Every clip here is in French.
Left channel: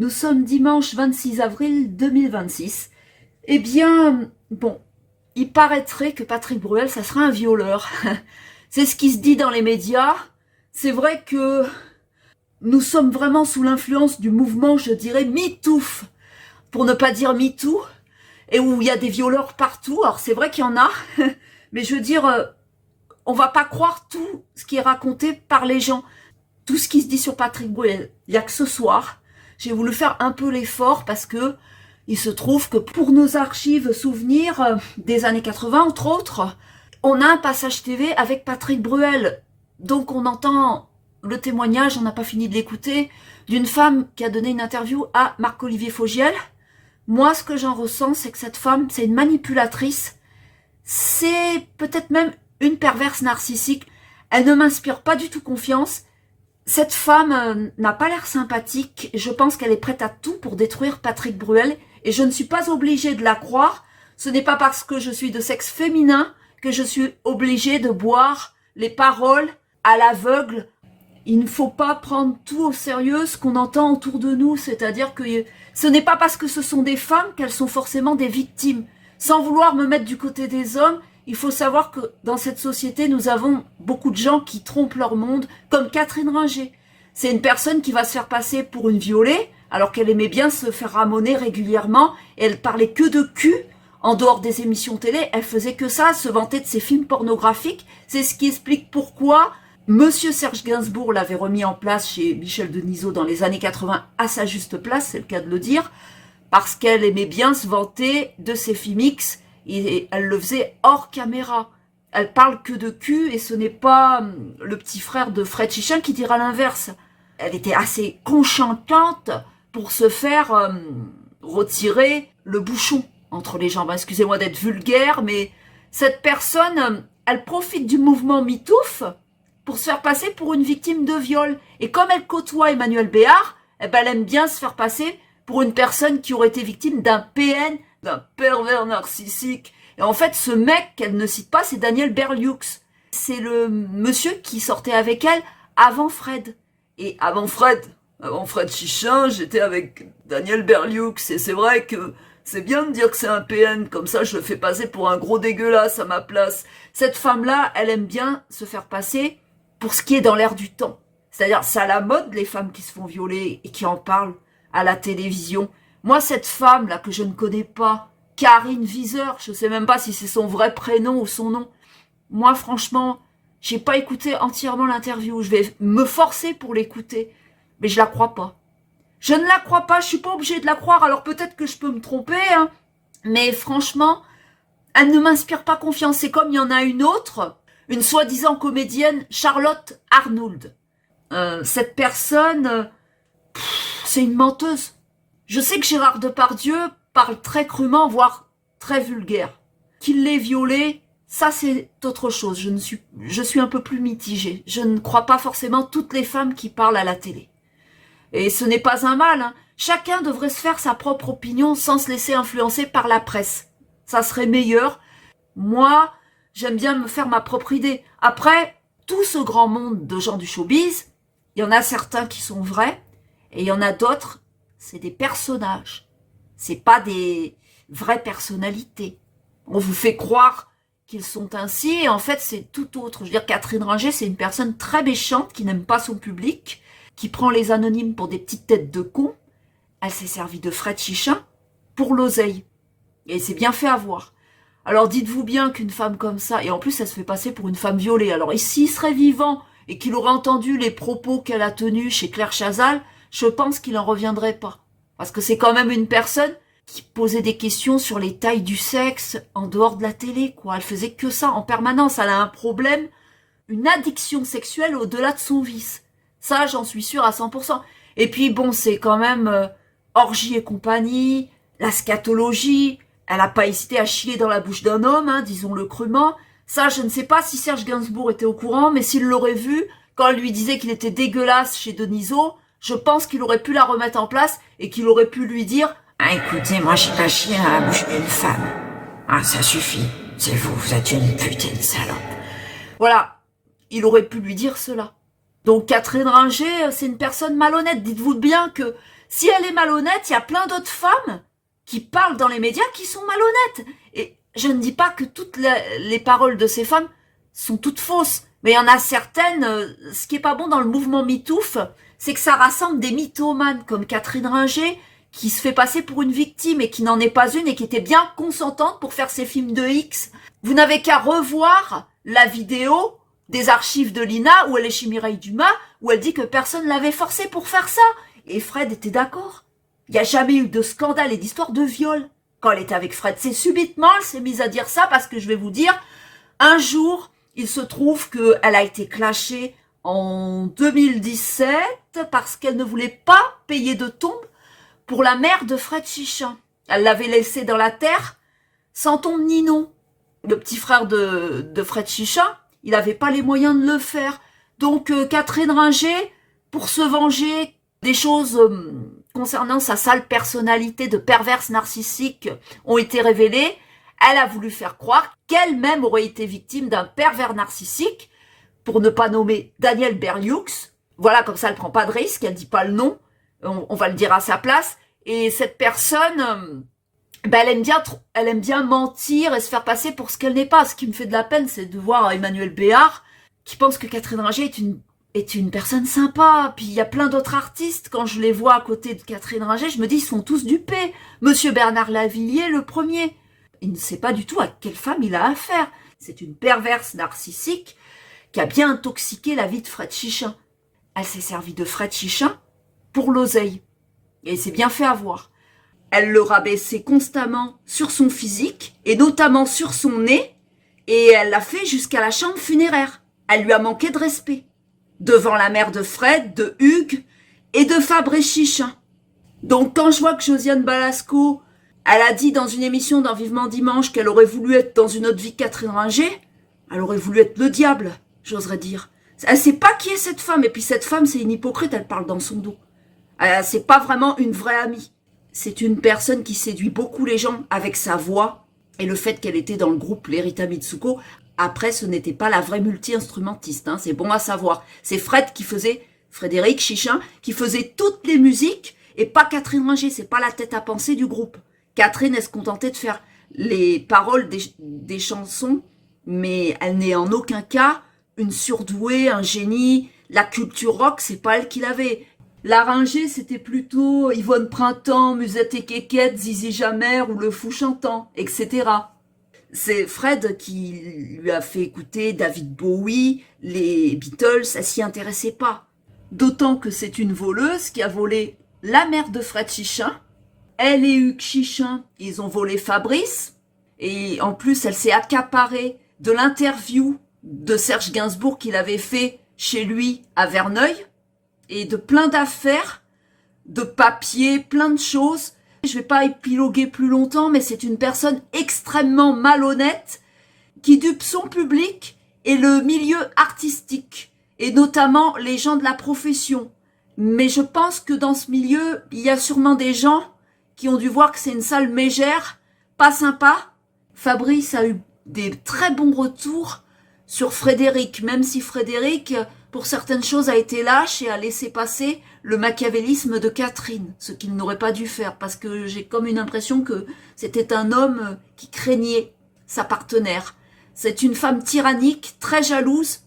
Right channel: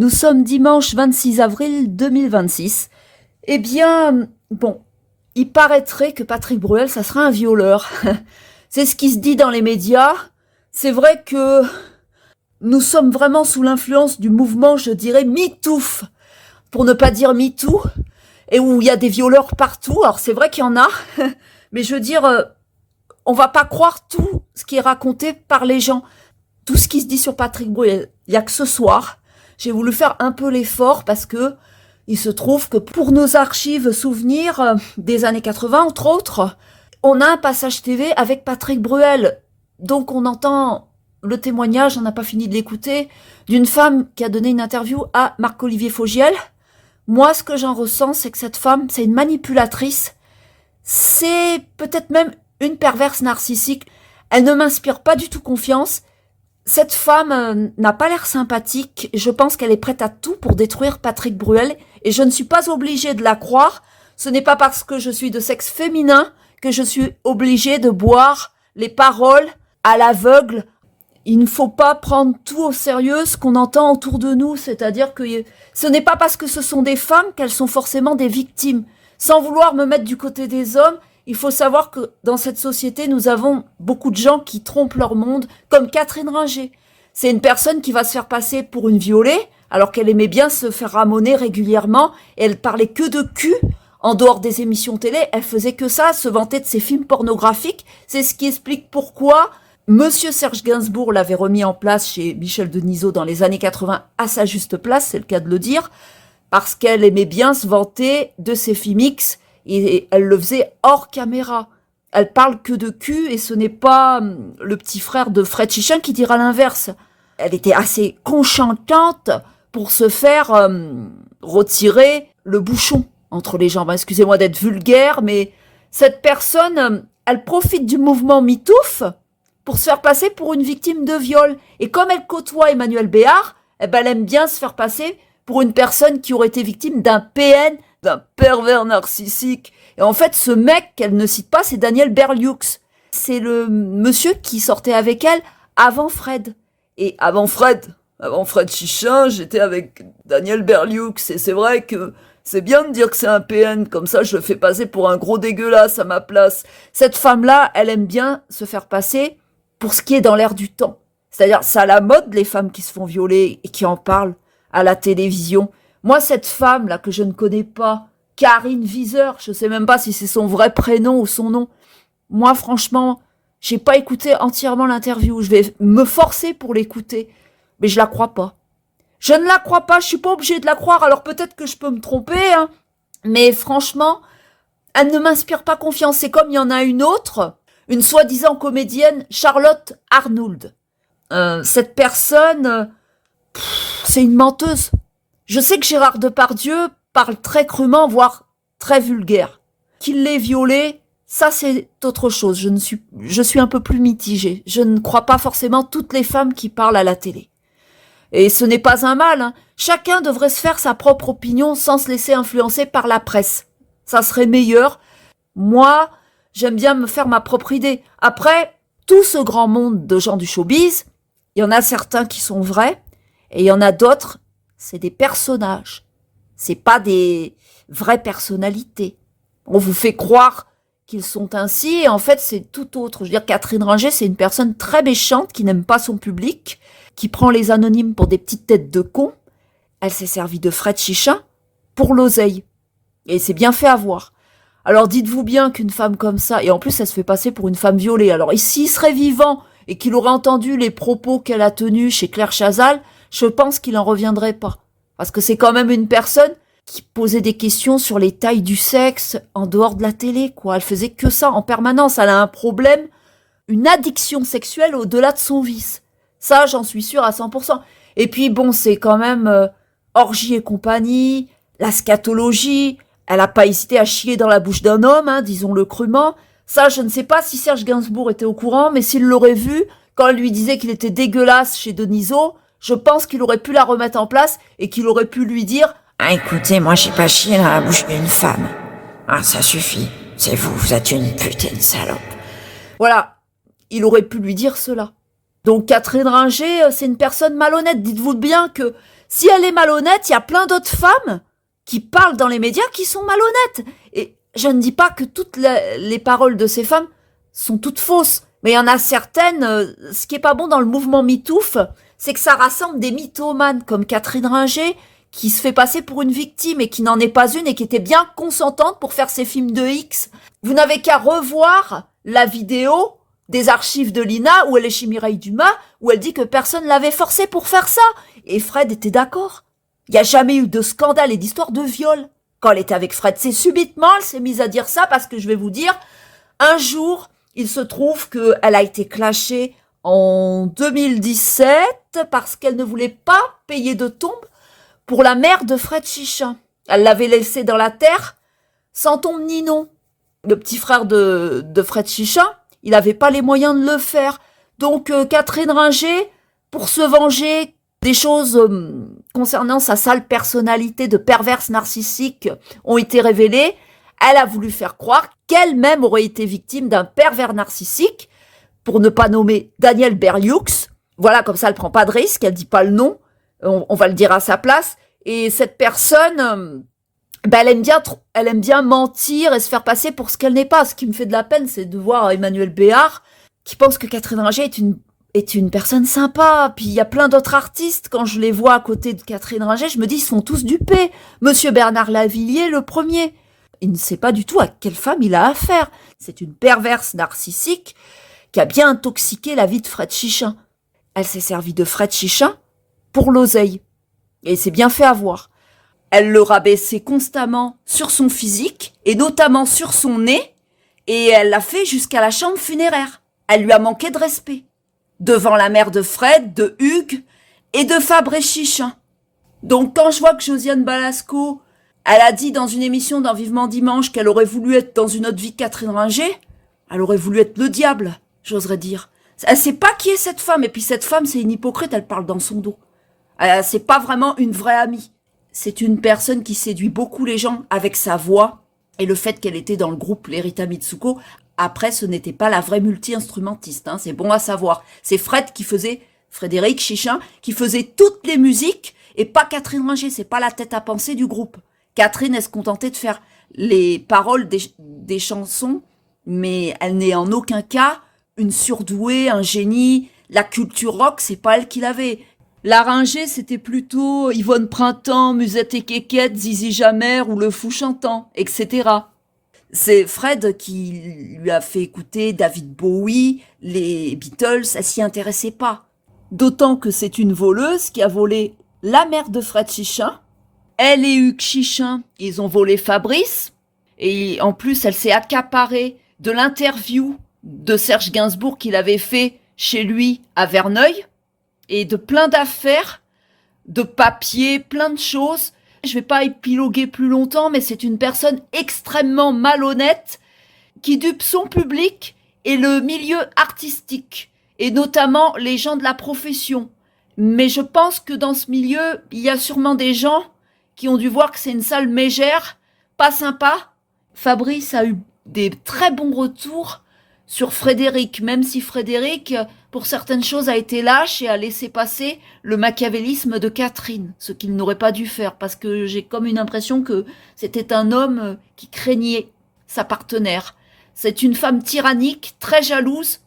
Nous sommes dimanche 26 avril 2026. Eh bien, bon, il paraîtrait que Patrick Bruel, ça serait un violeur. C'est ce qui se dit dans les médias. C'est vrai que nous sommes vraiment sous l'influence du mouvement, je dirais, MeToo, pour ne pas dire MeToo, et où il y a des violeurs partout. Alors c'est vrai qu'il y en a, mais je veux dire, on va pas croire tout ce qui est raconté par les gens. Tout ce qui se dit sur Patrick Bruel. Il y a que ce soir, j'ai voulu faire un peu l'effort parce que il se trouve que pour nos archives souvenirs des années 80, entre autres, on a un passage TV avec Patrick Bruel. Donc on entend le témoignage, on n'a pas fini de l'écouter, d'une femme qui a donné une interview à Marc-Olivier Fogiel. Moi, ce que j'en ressens, c'est que cette femme, c'est une manipulatrice. C'est peut-être même une perverse narcissique. Elle ne m'inspire pas du tout confiance. Cette femme n'a pas l'air sympathique. Je pense qu'elle est prête à tout pour détruire Patrick Bruel. Et je ne suis pas obligée de la croire. Ce n'est pas parce que je suis de sexe féminin que je suis obligée de boire les paroles à l'aveugle. Il ne faut pas prendre tout au sérieux ce qu'on entend autour de nous. C'est-à-dire que ce n'est pas parce que ce sont des femmes qu'elles sont forcément des victimes. Sans vouloir me mettre du côté des hommes, il faut savoir que dans cette société, nous avons beaucoup de gens qui trompent leur monde, comme Catherine Ringer. C'est une personne qui va se faire passer pour une violée, alors qu'elle aimait bien se faire ramoner régulièrement, et elle parlait que de cul. En dehors des émissions télé, elle faisait que ça, se vanter de ses films pornographiques. C'est ce qui explique pourquoi Monsieur Serge Gainsbourg l'avait remis en place chez Michel Denisot dans les années 80 à sa juste place, c'est le cas de le dire, parce qu'elle aimait bien se vanter de ses films X, et elle le faisait hors caméra. Elle parle que de cul et ce n'est pas le petit frère de Fred Chichin qui dira l'inverse. Elle était assez conchantante pour se faire retirer le bouchon entre les jambes. Excusez-moi d'être vulgaire, mais cette personne, elle profite du mouvement MeToo pour se faire passer pour une victime de viol. Et comme elle côtoie Emmanuel Béard, eh ben, elle aime bien se faire passer pour une personne qui aurait été victime d'un PN, d'un pervers narcissique. Et en fait, ce mec qu'elle ne cite pas, c'est Daniel Berlioux. C'est le monsieur qui sortait avec elle avant Fred. Et avant Fred Chichin, j'étais avec Daniel Berlioux. Et c'est vrai que c'est bien de dire que c'est un PN, comme ça je le fais passer pour un gros dégueulasse à ma place. Cette femme-là, elle aime bien se faire passer pour ce qui est dans l'air du temps. C'est-à-dire, c'est à la mode les femmes qui se font violer et qui en parlent à la télévision. Moi, cette femme-là que je ne connais pas, Karine Wieser, je ne sais même pas si c'est son vrai prénom ou son nom. Moi, franchement, j'ai pas écouté entièrement l'interview. Je vais me forcer pour l'écouter, mais je la crois pas. Je ne la crois pas, je suis pas obligée de la croire, alors peut-être que je peux me tromper, hein, mais franchement, elle ne m'inspire pas confiance. C'est comme il y en a une autre, une soi-disant comédienne, Charlotte Arnould. Cette personne, c'est une menteuse. Je sais que Gérard Depardieu parle très crûment, voire très vulgaire. Qu'il l'ait violée, ça c'est autre chose. Je suis un peu plus mitigée. Je ne crois pas forcément toutes les femmes qui parlent à la télé. Et ce n'est pas un mal, hein. Chacun devrait se faire sa propre opinion sans se laisser influencer par la presse. Ça serait meilleur. Moi, j'aime bien me faire ma propre idée. Après, tout ce grand monde de gens du showbiz, il y en a certains qui sont vrais, et il y en a d'autres, c'est des personnages. C'est pas des vraies personnalités. On vous fait croire qu'ils sont ainsi, et en fait, c'est tout autre. Je veux dire, Catherine Ringer, c'est une personne très méchante qui n'aime pas son public, qui prend les anonymes pour des petites têtes de cons. Elle s'est servie de Fred Chichin pour l'oseille. Et c'est bien fait avoir. Alors dites-vous bien qu'une femme comme ça, et en plus elle se fait passer pour une femme violée, alors s'il serait vivant et qu'il aurait entendu les propos qu'elle a tenus chez Claire Chazal, je pense qu'il n'en reviendrait pas. Parce que c'est quand même une personne qui posait des questions sur les tailles du sexe en dehors de la télé, quoi. Elle faisait que ça en permanence. Elle a un problème, une addiction sexuelle au-delà de son vice. Ça, j'en suis sûre à 100%. Et puis, bon, c'est quand même orgie et compagnie, la scatologie. Elle n'a pas hésité à chier dans la bouche d'un homme, hein, disons-le crûment. Ça, je ne sais pas si Serge Gainsbourg était au courant, mais s'il l'aurait vu, quand elle lui disait qu'il était dégueulasse chez Denisot, je pense qu'il aurait pu la remettre en place et qu'il aurait pu lui dire « Ah, écoutez, moi j'ai pas chié dans la bouche d'une femme. Ah, ça suffit. C'est vous, vous êtes une putain de salope. » Voilà, il aurait pu lui dire cela. Donc Catherine Ringer, c'est une personne malhonnête. Dites-vous bien que Si elle est malhonnête, il y a plein d'autres femmes qui parlent dans les médias qui sont malhonnêtes. Et je ne dis pas que toutes les paroles de ces femmes sont toutes fausses, mais il y en a certaines, ce qui est pas bon dans le mouvement MeToo, c'est que ça rassemble des mythomanes comme Catherine Ringer, qui se fait passer pour une victime et qui n'en est pas une et qui était bien consentante pour faire ses films de X. Vous n'avez qu'à revoir la vidéo des archives de Lina où elle est chez Mireille Dumas, où elle dit que personne l'avait forcée pour faire ça. Et Fred était d'accord. Il n'y a jamais eu de scandale et d'histoire de viol quand elle était avec Fred. C'est subitement, elle s'est mise à dire ça parce que je vais vous dire, un jour, il se trouve qu'elle a été clashée en 2017 parce qu'elle ne voulait pas payer de tombe pour la mère de Fred Chichin. Elle l'avait laissé dans la terre sans tombe ni nom. Le petit frère de Fred Chichin, il n'avait pas les moyens de le faire. Donc Catherine Ringer, pour se venger des choses concernant sa sale personnalité de perverse narcissique ont été révélées, elle a voulu faire croire qu'elle-même aurait été victime d'un pervers narcissique, pour ne pas nommer Daniel Berlioux. Voilà, comme ça, elle prend pas de risque, elle dit pas le nom, on va le dire à sa place. Et cette personne, elle aime bien mentir et se faire passer pour ce qu'elle n'est pas. Ce qui me fait de la peine, c'est de voir Emmanuel Béard qui pense que Catherine Ringer est une personne sympa. Puis il y a plein d'autres artistes, quand je les vois à côté de Catherine Ringer, je me dis, ils sont tous dupés. Monsieur Bernard Lavilliers, le premier. Il ne sait pas du tout à quelle femme il a affaire. C'est une perverse narcissique qui a bien intoxiqué la vie de Fred Chichin. Elle s'est servie de Fred Chichin pour l'oseille. Et il s'est bien fait avoir. Elle le rabaissait constamment sur son physique, et notamment sur son nez, et elle l'a fait jusqu'à la chambre funéraire. Elle lui a manqué de respect. Devant la mère de Fred, de Hugues et de Fabrice Chichin. Donc quand je vois que Josiane Balasco, elle a dit dans une émission dans Vivement Dimanche qu'elle aurait voulu être dans une autre vie que Catherine Ringer, elle aurait voulu être le diable, j'oserais dire. Elle sait pas qui est cette femme, et puis cette femme c'est une hypocrite, elle parle dans son dos. C'est pas vraiment une vraie amie. C'est une personne qui séduit beaucoup les gens avec sa voix et le fait qu'elle était dans le groupe Lerita Mitsuko. Après, ce n'était pas la vraie multi-instrumentiste, hein, c'est bon à savoir. C'est Frédéric Chichin, qui faisait toutes les musiques et pas Catherine Ringer, c'est pas la tête à penser du groupe. Catherine, elle se contentait de faire les paroles des chansons, mais elle n'est en aucun cas une surdouée, un génie. La culture rock, c'est pas elle qui l'avait. La Ringer, c'était plutôt Yvonne Printemps, Musette et Kékette, Zizi Jamère ou Le Fou Chantant, etc. C'est Fred qui lui a fait écouter David Bowie, les Beatles, elle s'y intéressait pas. D'autant que c'est une voleuse qui a volé la mère de Fred Chichin. Elle et Hugues Chichin, ils ont volé Fabrice. Et en plus, elle s'est accaparée de l'interview de Serge Gainsbourg qu'il avait fait chez lui à Verneuil. Et de plein d'affaires, de papiers, plein de choses. Je vais pas épiloguer plus longtemps, mais c'est une personne extrêmement malhonnête qui dupe son public et le milieu artistique, et notamment les gens de la profession. Mais je pense que dans ce milieu, il y a sûrement des gens qui ont dû voir que c'est une sale mégère, pas sympa. Fabrice a eu des très bons retours sur Frédéric, même si Frédéric, pour certaines choses, a été lâche et a laissé passer le machiavélisme de Catherine, ce qu'il n'aurait pas dû faire, parce que j'ai comme une impression que c'était un homme qui craignait sa partenaire. C'est une femme tyrannique, très jalouse,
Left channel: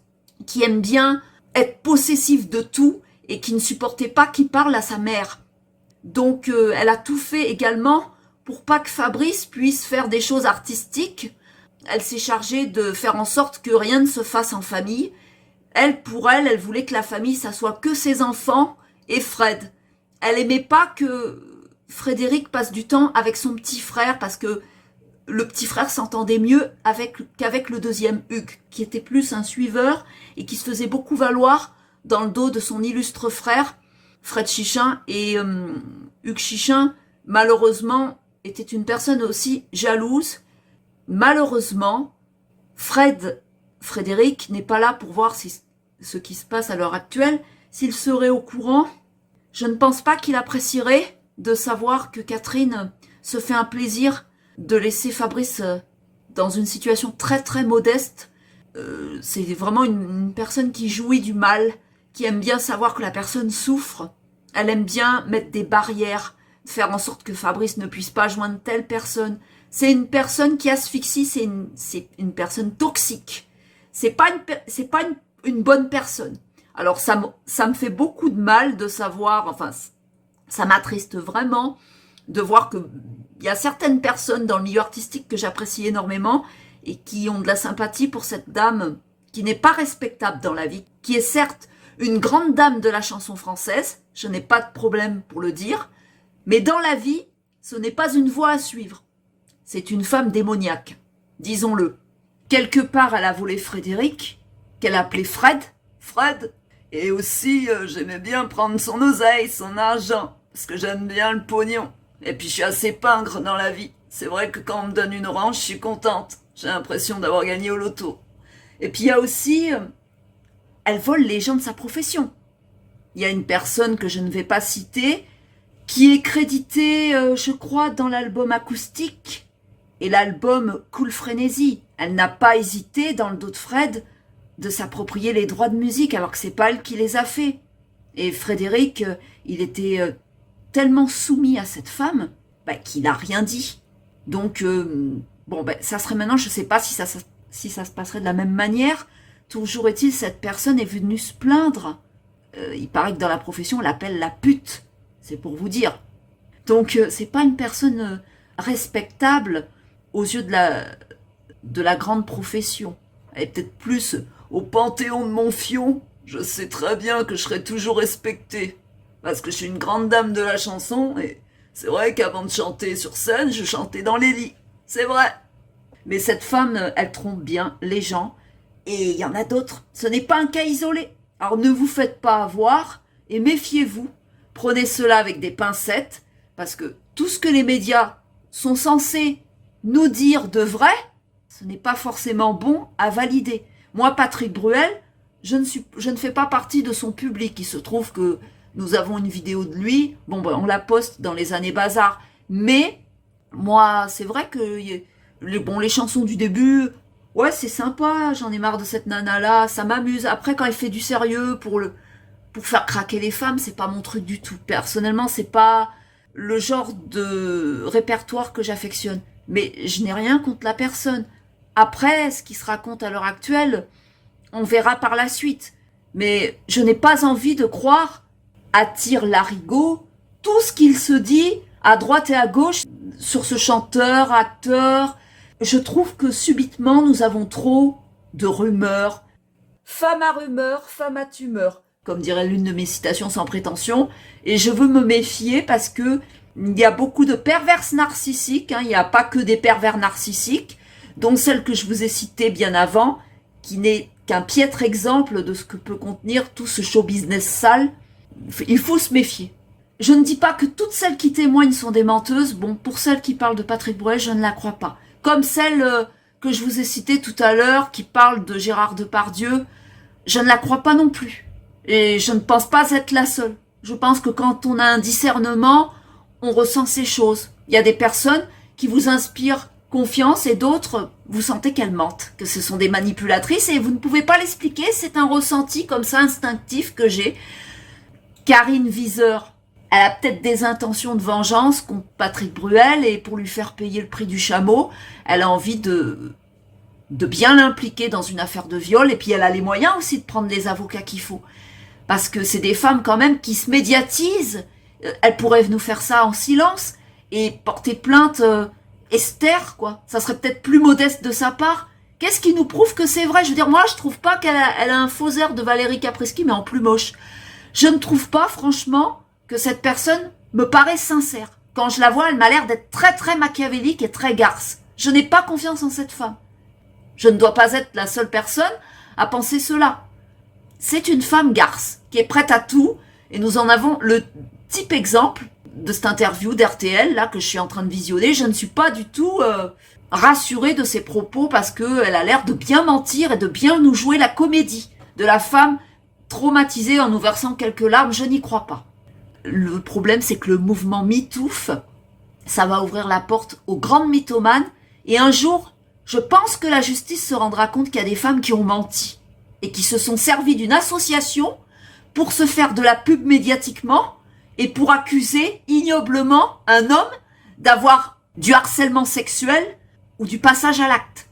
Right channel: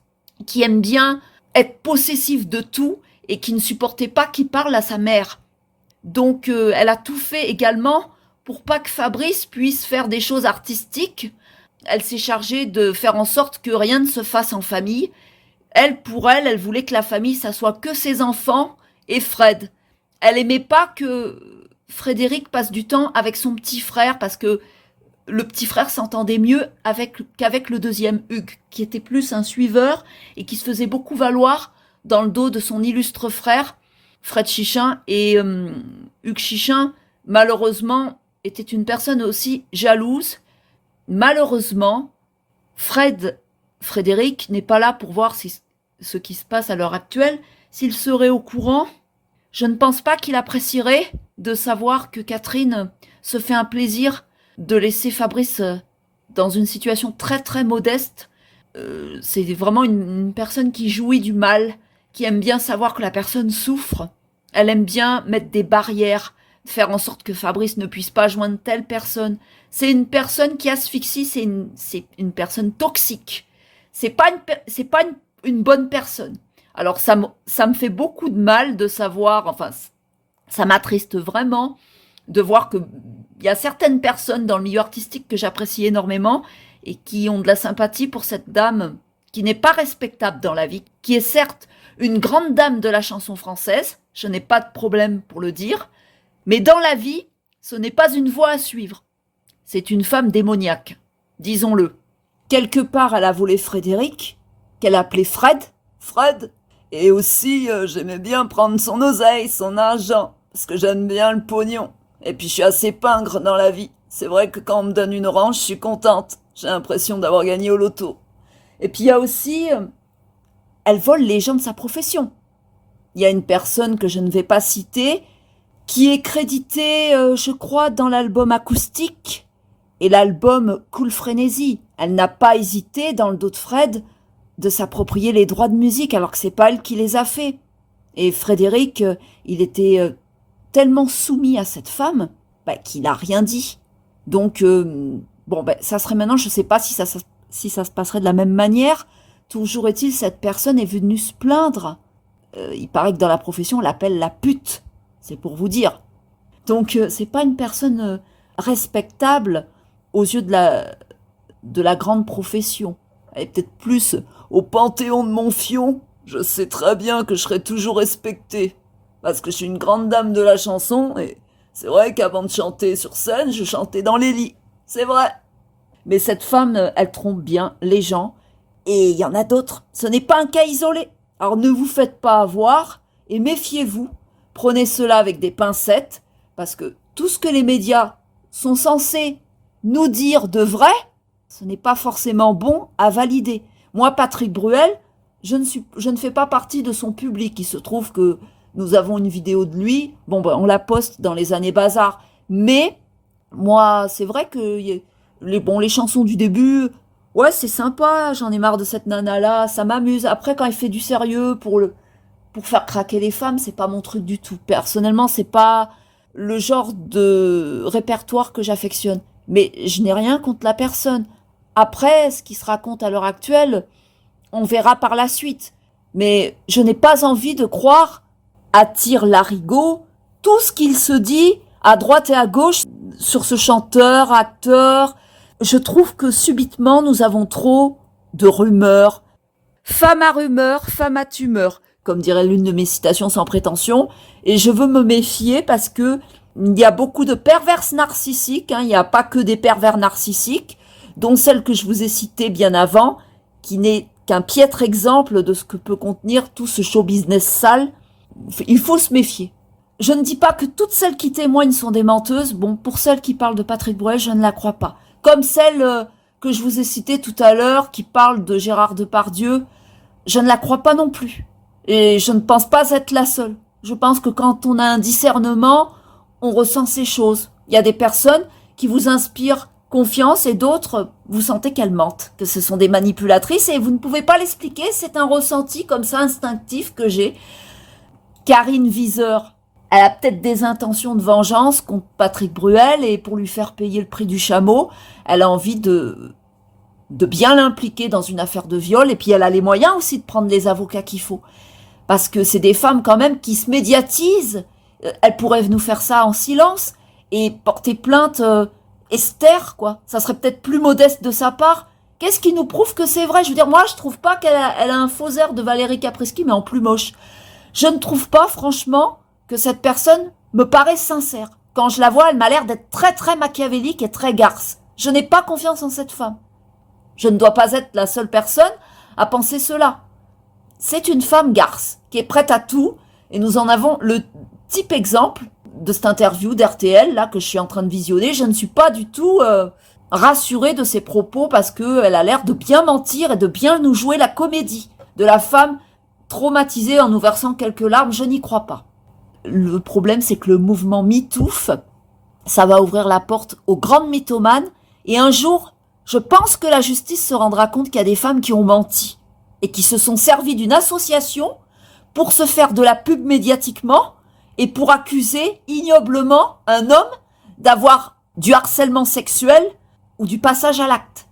qui aime bien être possessive de tout et qui ne supportait pas qu'il parle à sa mère. Donc elle a tout fait également pour pas que Fabrice puisse faire des choses artistiques. Elle s'est chargée de faire en sorte que rien ne se fasse en famille. Pour elle, elle voulait que la famille, ça soit que ses enfants et Fred. Elle aimait pas que Frédéric passe du temps avec son petit frère parce que le petit frère s'entendait mieux qu'avec le deuxième, Hugues, qui était plus un suiveur et qui se faisait beaucoup valoir dans le dos de son illustre frère, Fred Chichin. Et Hugues Chichin, malheureusement, était une personne aussi jalouse. Malheureusement, Frédéric n'est pas là pour voir ce qui se passe à l'heure actuelle. S'il serait au courant, je ne pense pas qu'il apprécierait de savoir que Catherine se fait un plaisir de laisser Fabrice dans une situation très très modeste. C'est vraiment une personne qui jouit du mal, qui aime bien savoir que la personne souffre. Elle aime bien mettre des barrières, faire en sorte que Fabrice ne puisse pas joindre telle personne. C'est une personne qui asphyxie, c'est une personne toxique. C'est pas une bonne personne. Alors ça me fait beaucoup de mal de savoir, enfin ça m'attriste vraiment de voir que il y a certaines personnes dans le milieu artistique que j'apprécie énormément et qui ont de la sympathie pour cette dame qui n'est pas respectable dans la vie, qui est certes une grande dame de la chanson française, je n'ai pas de problème pour le dire, mais dans la vie, ce n'est pas une voie à suivre. C'est une femme démoniaque, disons-le. Quelque part, elle a volé Frédéric, qu'elle appelait Fred, et aussi j'aimais bien prendre son oseille, son argent, parce que j'aime bien le pognon. Et puis je suis assez pingre dans la vie. C'est vrai que quand on me donne une orange, je suis contente. J'ai l'impression d'avoir gagné au loto. Et puis il y a aussi, elle vole les gens de sa profession. Il y a une personne que je ne vais pas citer, qui est créditée, je crois, dans l'album acoustique et l'album Cool Frénésie. Elle n'a pas hésité, dans le dos de Fred, de s'approprier les droits de musique, alors que c'est pas elle qui les a faits. Et Frédéric, il était tellement soumis à cette femme qu'il n'a rien dit. Donc, ça serait maintenant, je ne sais pas si ça se passerait de la même manière. Toujours est-il, cette personne est venue se plaindre. Il paraît que dans la profession, on l'appelle la pute. C'est pour vous dire. Donc, c'est pas une personne respectable aux yeux de la grande profession. Elle est peut-être plus au Panthéon de Montfion. Je sais très bien que je serai toujours respectée. Parce que je suis une grande dame de la chanson, et c'est vrai qu'avant de chanter sur scène, je chantais dans les lits. C'est vrai. Mais cette femme, elle trompe bien les gens, et il y en a d'autres. Ce n'est pas un cas isolé. Alors ne vous faites pas avoir, et méfiez-vous. Prenez cela avec des pincettes, parce que tout ce que les médias sont censés nous dire de vrai, ce n'est pas forcément bon à valider. Moi, Patrick Bruel, je ne fais pas partie de son public. Il se trouve que nous avons une vidéo de lui. On la poste dans les années bazar. Mais moi, c'est vrai que les chansons du début, ouais, c'est sympa. J'en ai marre de cette nana-là. Ça m'amuse. Après, quand il fait du sérieux pour faire craquer les femmes, c'est pas mon truc du tout. Personnellement, c'est pas le genre de répertoire que j'affectionne. Mais je n'ai rien contre la personne. Après, ce qui se raconte à l'heure actuelle, on verra par la suite. Mais je n'ai pas envie de croire à tire-larigot tout ce qu'il se dit à droite et à gauche sur ce chanteur, acteur. Je trouve que subitement, nous avons trop de rumeurs. Femme à rumeur, femme à tumeur, comme dirait l'une de mes citations sans prétention. Et je veux me méfier parce que il y a beaucoup de perverses narcissiques. Il n'y a pas que des pervers narcissiques, dont celle que je vous ai citée bien avant, qui n'est qu'un piètre exemple de ce que peut contenir tout ce show business sale. Il faut se méfier. Je ne dis pas que toutes celles qui témoignent sont des menteuses. Pour celles qui parlent de Patrick Bruel, je ne la crois pas. Comme celle que je vous ai citée tout à l'heure, qui parle de Gérard Depardieu, je ne la crois pas non plus. Et je ne pense pas être la seule. Je pense que quand on a un discernement, on ressent ces choses. Il y a des personnes qui vous inspirent confiance et d'autres, vous sentez qu'elles mentent, que ce sont des manipulatrices et vous ne pouvez pas l'expliquer. C'est un ressenti comme ça instinctif que j'ai. Karine Viseur, elle a peut-être des intentions de vengeance contre Patrick Bruel et pour lui faire payer le prix du chameau, elle a envie de bien l'impliquer dans une affaire de viol et puis elle a les moyens aussi de prendre les avocats qu'il faut. Parce que c'est des femmes quand même qui se médiatisent. Elle pourrait nous faire ça en silence et porter plainte Esther, quoi. Ça serait peut-être plus modeste de sa part. Qu'est-ce qui nous prouve que c'est vrai? Je veux dire, moi, je trouve pas qu'elle a un faux air de Valérie Caprisky, mais en plus moche. Je ne trouve pas, franchement, que cette personne me paraît sincère. Quand je la vois, elle m'a l'air d'être très, très machiavélique et très garce. Je n'ai pas confiance en cette femme. Je ne dois pas être la seule personne à penser cela. C'est une femme garce, qui est prête à tout, et nous en avons le type exemple de cette interview d'RTL, là, que je suis en train de visionner. Je ne suis pas du tout rassurée de ses propos, parce qu'elle a l'air de bien mentir et de bien nous jouer la comédie de la femme traumatisée en nous versant quelques larmes. Je n'y crois pas. Le problème, c'est que le mouvement MeToo, ça va ouvrir la porte aux grandes mythomanes, et un jour, je pense que la justice se rendra compte qu'il y a des femmes qui ont menti, et qui se sont servies d'une association pour se faire de la pub médiatiquement, et pour accuser ignoblement un homme d'avoir du harcèlement sexuel ou du passage à l'acte.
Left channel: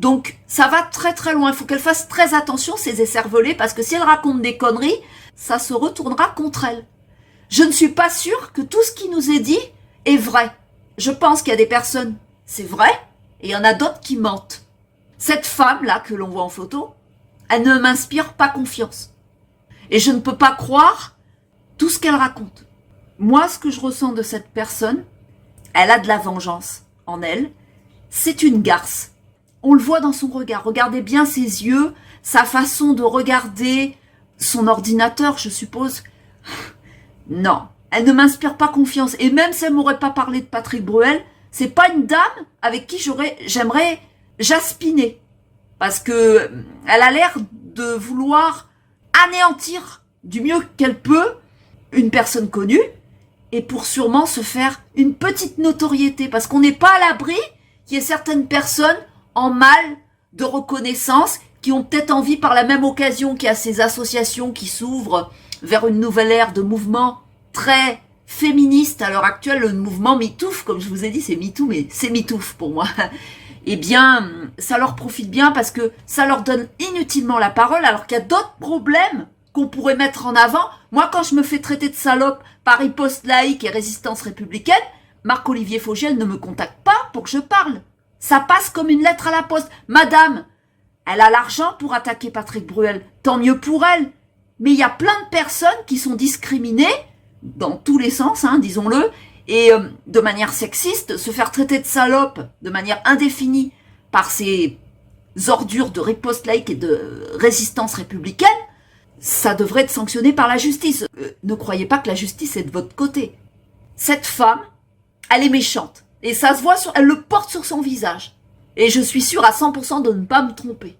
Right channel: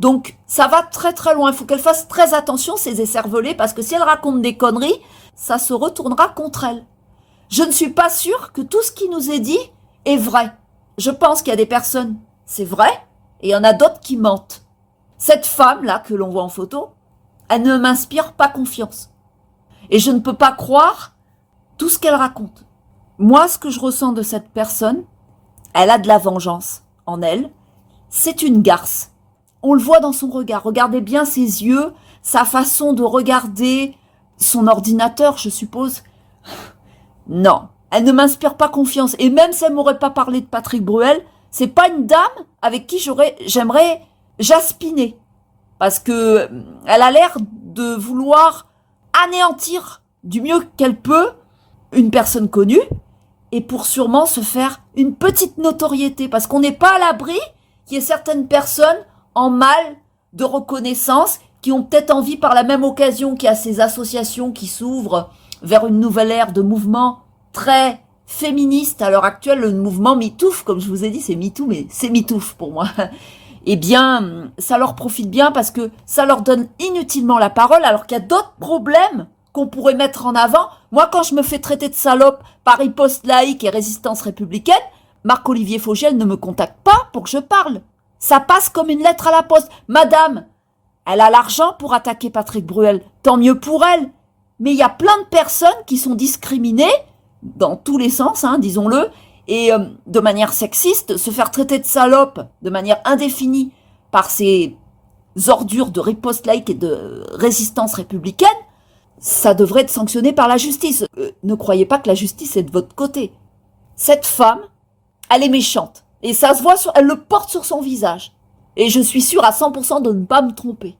Donc ça va très très loin, il faut qu'elle fasse très attention ces écervelées parce que si elle raconte des conneries, ça se retournera contre elle. Je ne suis pas sûre que tout ce qui nous est dit est vrai. Je pense qu'il y a des personnes, c'est vrai, et il y en a d'autres qui mentent. Cette femme-là que l'on voit en photo, elle ne m'inspire pas confiance. Et je ne peux pas croire tout ce qu'elle raconte. Moi, ce que je ressens de cette personne, elle a de la vengeance en elle. C'est une garce. On le voit dans son regard. Regardez bien ses yeux, sa façon de regarder son ordinateur, je suppose. Non, elle ne m'inspire pas confiance. Et même si elle m'aurait pas parlé de Patrick Bruel, c'est pas une dame avec qui j'aimerais jaspiner. Parce que elle a l'air de vouloir anéantir du mieux qu'elle peut une personne connue et pour sûrement se faire une petite notoriété. Parce qu'on n'est pas à l'abri qu'il y ait certaines personnes en mal de reconnaissance qui ont peut-être envie par la même occasion qu'il y a ces associations qui s'ouvrent vers une nouvelle ère de mouvements très féministes à l'heure actuelle, le mouvement MeToo, comme je vous ai dit, c'est MeToo, mais c'est MeToo pour moi. Eh bien, ça leur profite bien parce que ça leur donne inutilement la parole alors qu'il y a d'autres problèmes qu'on pourrait mettre en avant. Moi, quand je me fais traiter de salope par Riposte Laïque et Résistance Républicaine, Marc-Olivier Fogiel ne me contacte pas pour que je parle. Ça passe comme une lettre à la poste. Madame, elle a l'argent pour attaquer Patrick Bruel. Tant mieux pour elle. Mais il y a plein de personnes qui sont discriminées, dans tous les sens, disons-le, et de manière sexiste, se faire traiter de salope de manière indéfinie par ces ordures de Riposte Laïque et de Résistance Républicaine, ça devrait être sanctionné par la justice. Ne croyez pas que la justice est de votre côté. Cette femme, elle est méchante. Et ça se voit, elle le porte sur son visage. Et je suis sûre à 100% de ne pas me tromper.